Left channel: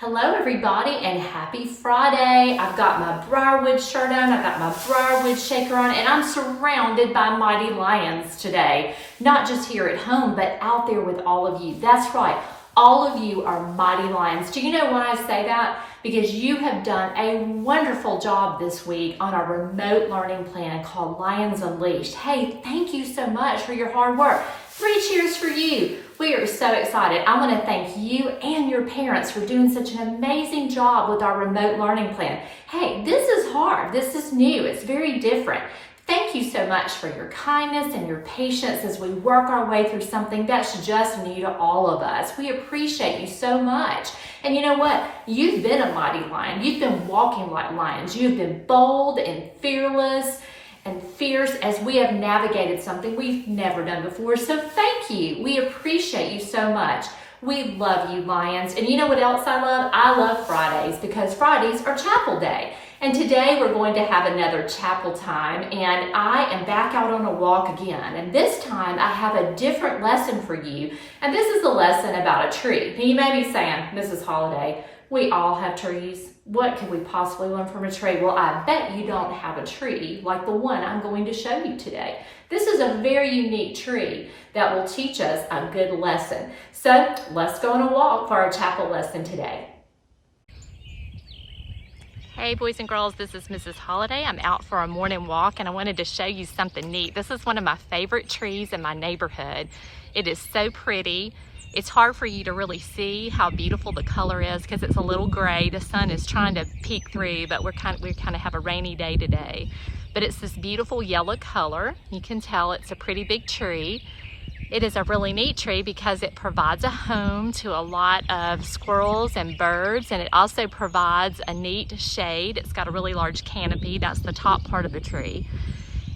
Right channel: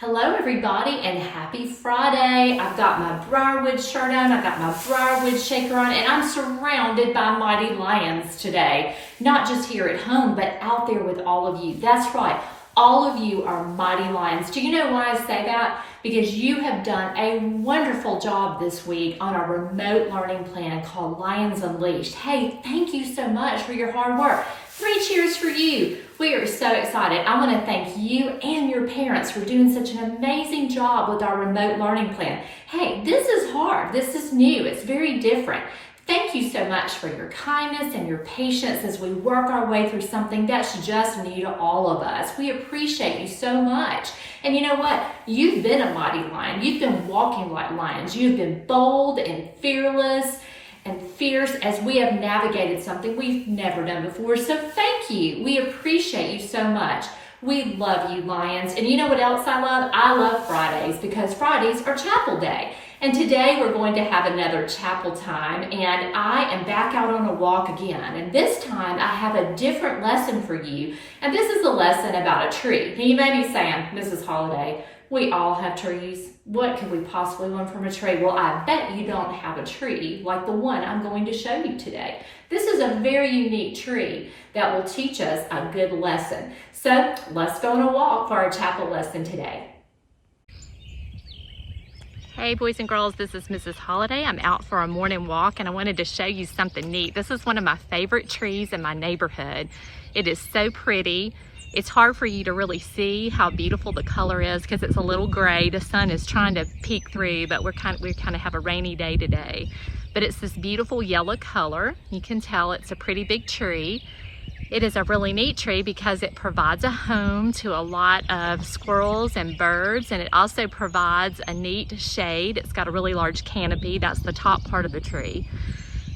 Hello everybody and happy Friday. I've got my Briarwood shirt on, I've got my Briarwood shaker on, and I'm surrounded by mighty lions today. Not just here at home, but out there with all of you. That's right, all of you are mighty lions. Do you know why I say that? Because you have done a wonderful job this week on our remote learning plan called Lions Unleashed. Hey, thank you so much for your hard work. 3 cheers for you. We are so excited. I want to thank you and your parents for doing such an amazing job with our remote learning plan. Hey, this is hard. This is new. It's very different. Thank you so much for your kindness and your patience as we work our way through something that's just new to all of us. We appreciate you so much. And you know what? You've been a mighty lion. You've been walking like lions. You've been bold and fearless and fierce as we have navigated something we've never done before. So thank you. We appreciate you so much. We love you, lions. And you know what else I love? I love Fridays because Fridays are chapel day. And today we're going to have another chapel time, and I am back out on a walk again. And this time I have a different lesson for you. And this is a lesson about a tree. Now you may be saying, Mrs. Holliday, we all have trees. What could we possibly learn from a tree? Well, I bet you don't have a tree like the one I'm going to show you today. This is a very unique tree that will teach us a good lesson. So let's go on a walk for our chapel lesson today. Hey boys and girls, this is Mrs. Holliday. I'm out for a morning walk and I wanted to show you something neat. This is one of my favorite trees in my neighborhood. It is so pretty. It's hard for you to really see how beautiful the color is because it's a little gray. The sun is trying to peek through, but we kind of have a rainy day today. But it's this beautiful yellow color. You can tell it's a pretty big tree. It is a really neat tree because it provides a home to a lot of squirrels and birds, and it also provides a neat shade. It's got a really large canopy. That's the top part of the tree.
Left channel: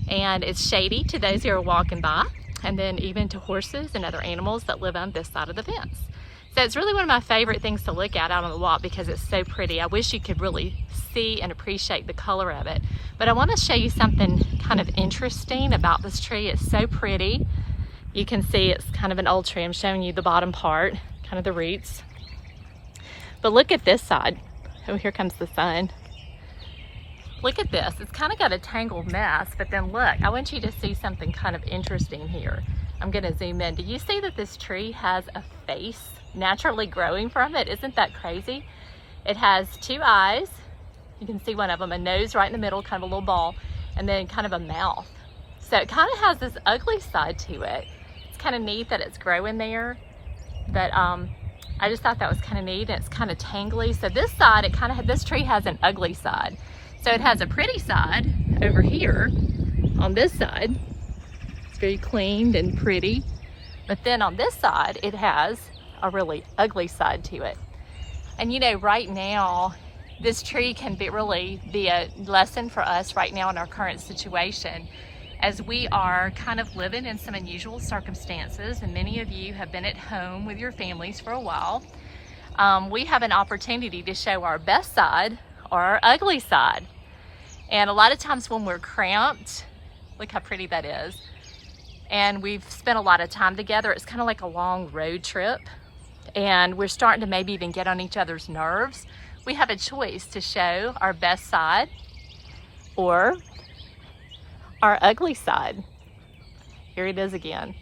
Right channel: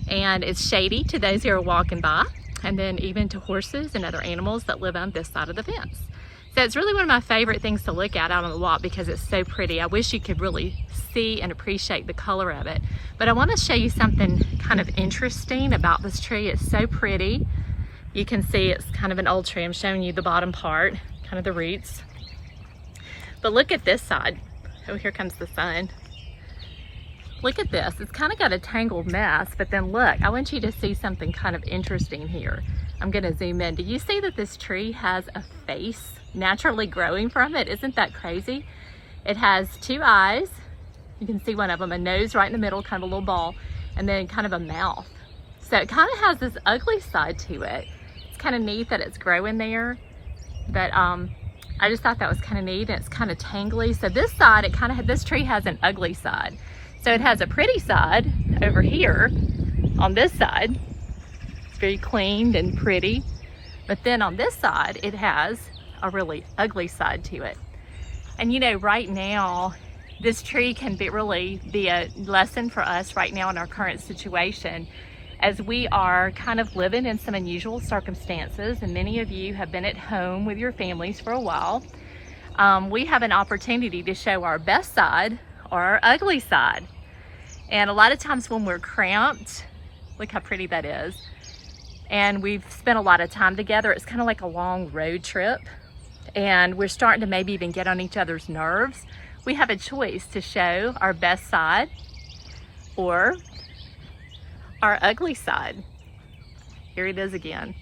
And it's shady to those who are walking by, and then even to horses and other animals that live on this side of the fence. So it's really one of my favorite things to look at out on the walk because it's so pretty. I wish you could really see and appreciate the color of it. But I want to show you something kind of interesting about this tree. It's so pretty. You can see it's kind of an old tree. I'm showing you the bottom part, kind of the roots. But look at this side. Oh, here comes the sun. Look at this. It's kind of got a tangled mess, but then look, I want you to see something kind of interesting here. I'm going to zoom in. Do you see that this tree has a face naturally growing from it? Isn't that crazy? It has 2 eyes. You can see one of them, a nose right in the middle, kind of a little ball, and then kind of a mouth. So it kind of has this ugly side to it. It's kind of neat that it's growing there, but I just thought that was kind of neat, and it's kind of tangly. So this side, this tree has an ugly side. So it has a pretty side over here on this side. It's very cleaned and pretty. But then on this side, it has a really ugly side to it. And you know, right now, this tree can really be a lesson for us right now in our current situation, as we are kind of living in some unusual circumstances, and many of you have been at home with your families for a while. We have an opportunity to show our best side or our ugly side. And a lot of times when we're cramped, look how pretty that is, and we've spent a lot of time together, it's kind of like a long road trip, and we're starting to maybe even get on each other's nerves. We have a choice to show our best side or our ugly side. Here it is again.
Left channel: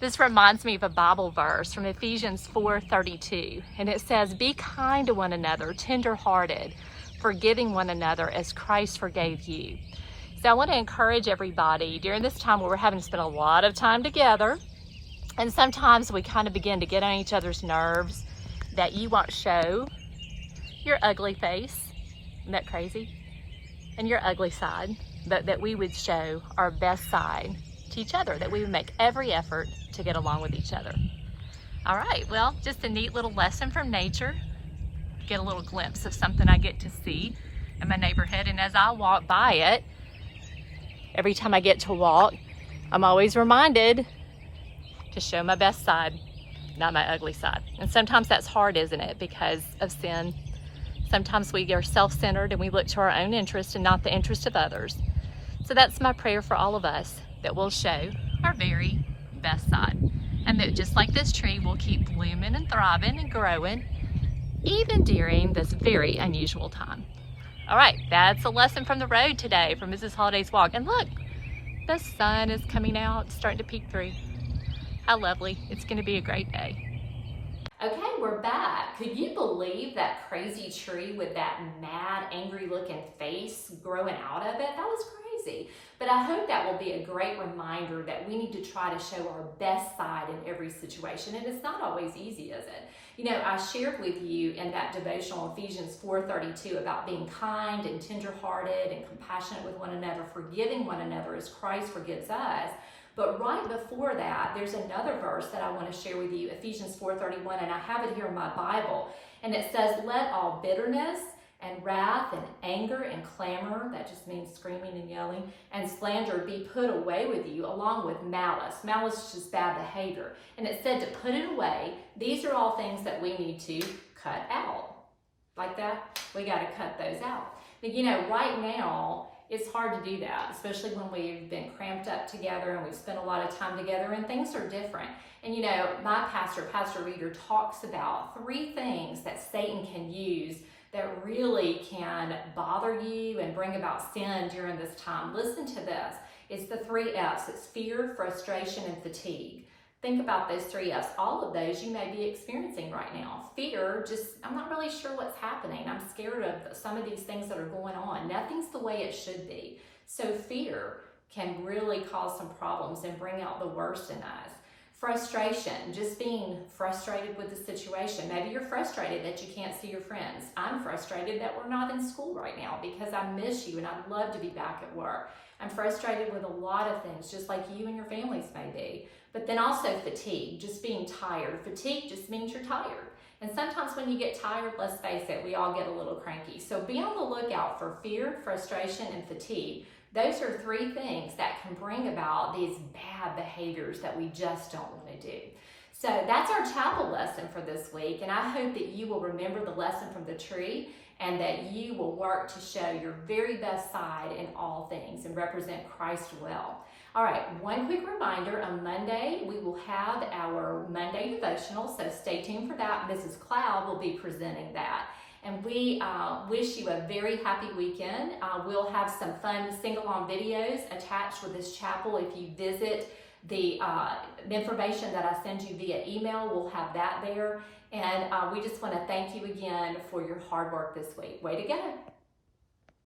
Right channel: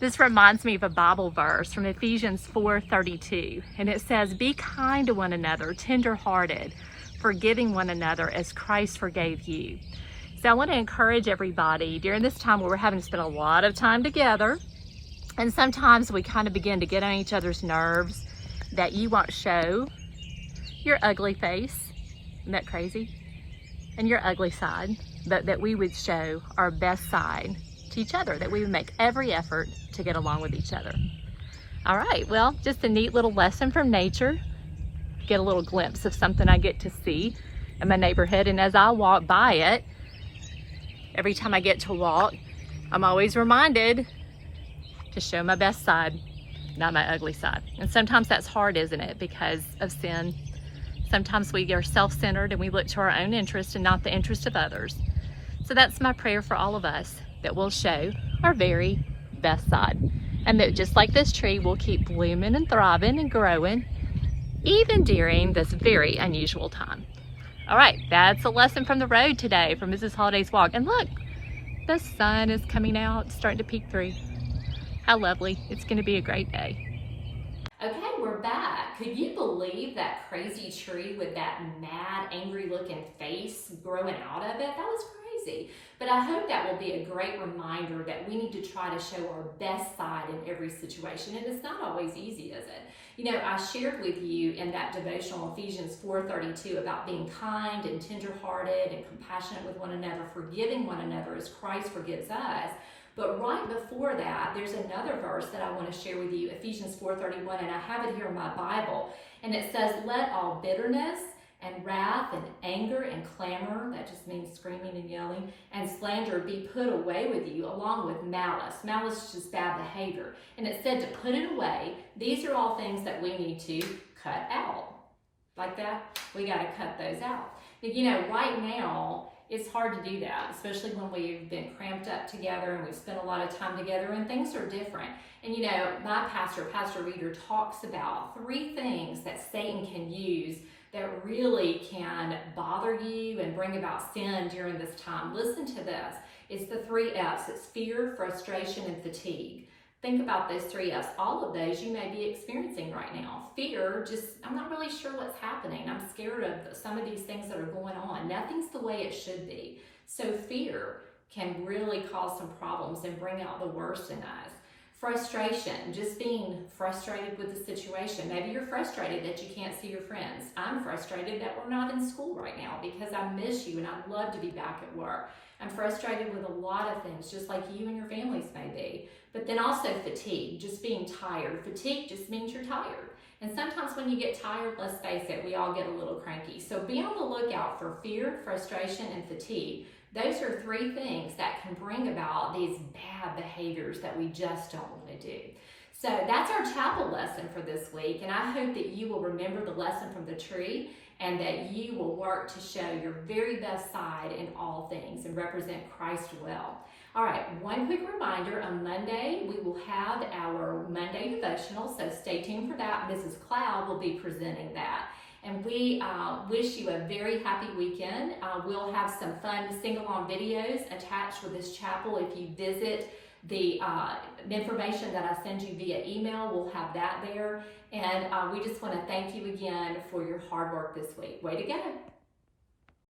This reminds me of a Bible verse from Ephesians 4:32, and it says, "Be kind to one another, tender-hearted, forgiving one another as Christ forgave you." So I want to encourage everybody during this time where we're having to spend a lot of time together, and sometimes we kind of begin to get on each other's nerves, that you won't show your ugly face. Isn't that crazy? And your ugly side, but that we would show our best side to each other, that we would make every effort to get along with each other. All right, well, just a neat little lesson from nature. Get a little glimpse of something I get to see in my neighborhood, and as I walk by it, every time I get to walk, I'm always reminded to show my best side, not my ugly side. And sometimes that's hard, isn't it, because of sin. Sometimes we are self-centered and we look to our own interest and not the interest of others. So that's my prayer for all of us, that we'll show our very best side. And that just like this tree, we'll keep blooming and thriving and growing even during this very unusual time. All right, that's a lesson from the road today from Mrs. Holliday's walk. And look, the sun is coming out, starting to peek through. How lovely. It's going to be a great day. Okay, we're back. Could you believe that crazy tree with that mad, angry looking face growing out of it? That was crazy. But I hope that will be a great reminder that we need to try to show our best side in every situation. And it's not always easy, is it? You know, I shared with you in that devotional Ephesians 4:32 about being kind and tenderhearted and compassionate with one another, forgiving one another as Christ forgives us. But right before that, there's another verse that I want to share with you, Ephesians 4:31, and I have it here in my Bible. And it says, let all bitterness and wrath and anger and clamor, that just means screaming and yelling, and slander be put away with you, along with malice. Malice is just bad behavior. And it said to put it away. These are all things that we need to cut out. Like that, we got to cut those out. But you know, right now, it's hard to do that, especially when we've been cramped up together and we've spent a lot of time together and things are different. And you know, my pastor, Pastor Reeder, talks about 3 things that Satan can use that really can bother you and bring about sin during this time. Listen to this. It's the 3 F's. It's fear, frustration, and fatigue. Think about those 3 F's. All of those you may be experiencing right now. Fear, just, I'm not really sure what's happening. I'm scared of some of these things that are going on. Nothing's the way it should be. So fear can really cause some problems and bring out the worst in us. Frustration, just being frustrated with the situation. Maybe you're frustrated that you can't see your friends. I'm frustrated that we're not in school right now because I miss you and I'd love to be back at work. I'm frustrated with a lot of things, just like you and your families may be. But then also fatigue, just being tired. Fatigue just means you're tired. And sometimes when you get tired, let's face it, we all get a little cranky. So be on the lookout for fear, frustration, and fatigue. Those are 3 things that can bring about these bad behaviors that we just don't want to do. So that's our chapel lesson for this week. And I hope that you will remember the lesson from the tree and that you will work to show your very best side in all things and represent Christ well. All right, one quick reminder, on Monday, we will have our Monday devotional, so stay tuned for that. Mrs. Cloud will be presenting that. And we wish you a very happy weekend. We'll have some fun sing-along videos attached with this chapel. If you visit the information that I send you via email, we'll have that there. And we just want to thank you again for your hard work this week. Way to go.